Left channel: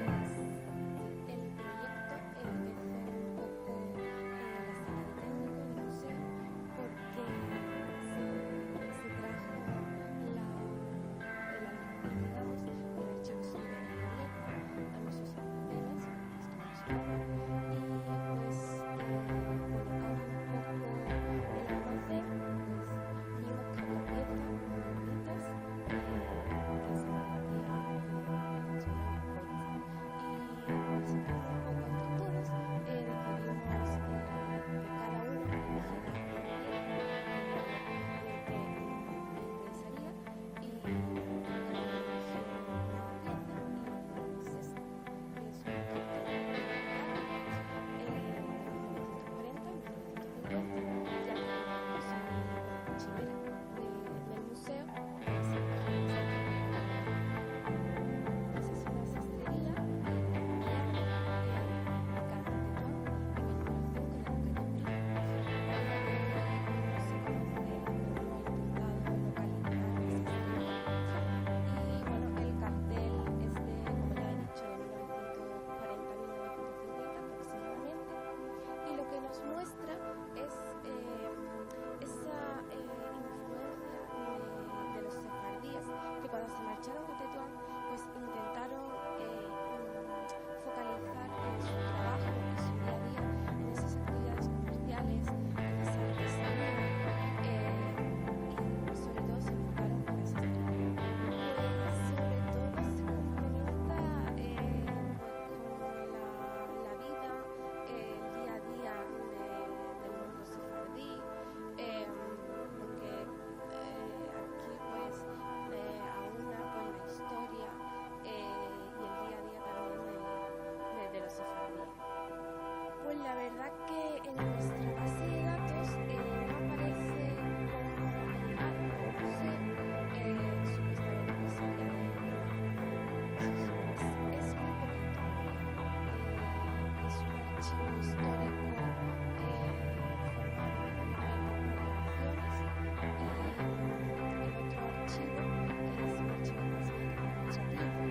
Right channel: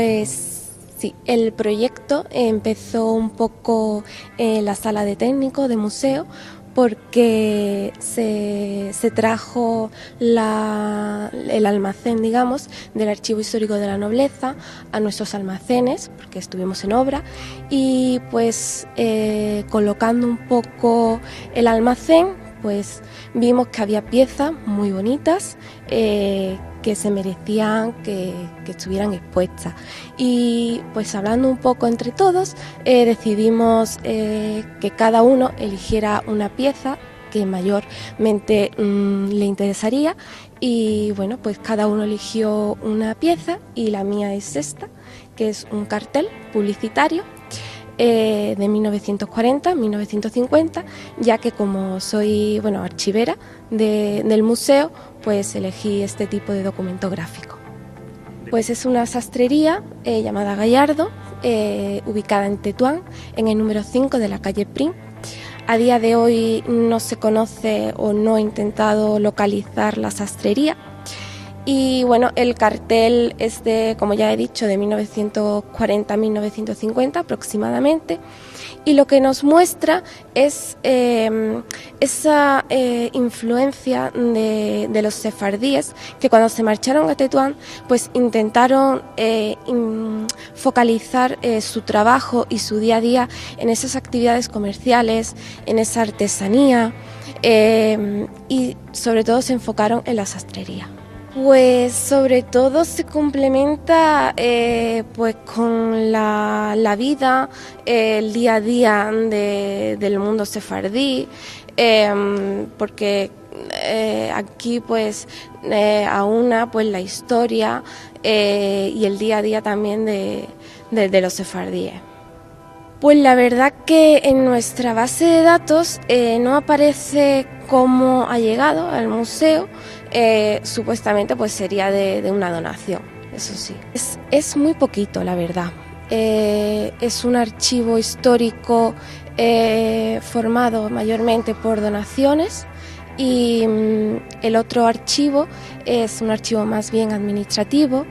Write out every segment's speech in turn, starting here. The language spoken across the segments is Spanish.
Pues sí, el proyecto empezó un poco en la sala de técnico de museo porque se trajo el almacén, digamos, del Archivo Histórico de la Nobleza a nuestros almacenes, porque estuvimos en obra, y pues colocando un poco el almacén, pues vimos que había piezas muy bonitas que se merecían que estuvieran expuestas. Y pues hablando un poco entre todos, decidimos que cada uno eligiera una pieza que mayormente le interesaría, y bueno, pues cada uno eligió una pieza y la mía es esta, que es un cartel publicitario de 1940-1950, ya que como soy archivera del museo, pues elegí este tipo de documento gráfico. Pues es una sastrería llamada Gallardo, ubicada en Tetuán, en el número 5 de la calle Prim. A día de hoy no se conoce o no he intentado localizar la sastrería. Y bueno, el cartel es de, como ya he dicho, de 1940-1950 aproximadamente, y lo que nos muestra es esa influencia de los sefardíes, que cuando se marcharon a Tetuán pues intentaron focalizar su trabajo y su día a día en esas actividades comerciales, en esa artesanía, y sobre todo se enfocaron en la sastrería. Pues sobre todo se complementa pues con la vida, el día a día del mundo sefardí, porque aquí pues aúna pues la historia y el día a día también de los sefardíes. Pues la verdad que en nuestra base de datos no aparece cómo ha llegado al museo. Supuestamente pues sería de una donación, eso sí. Es muy poquito, la verdad. Es un archivo histórico formado mayormente por donaciones, y el otro archivo es un archivo más bien administrativo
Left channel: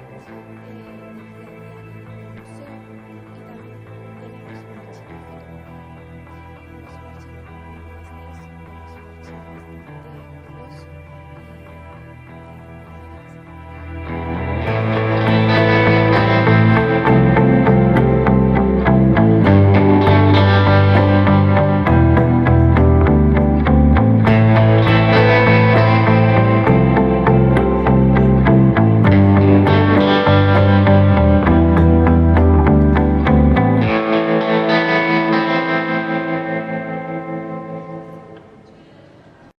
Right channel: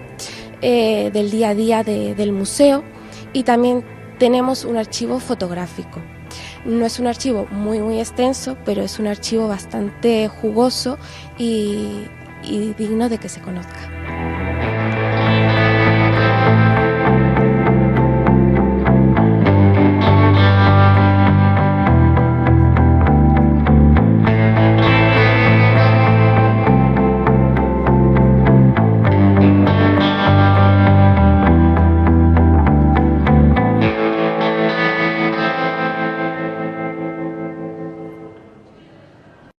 del día a día del museo, y también tenemos un archivo fotográfico. No es un archivo muy extenso, pero es un archivo bastante jugoso y digno de que se conozca.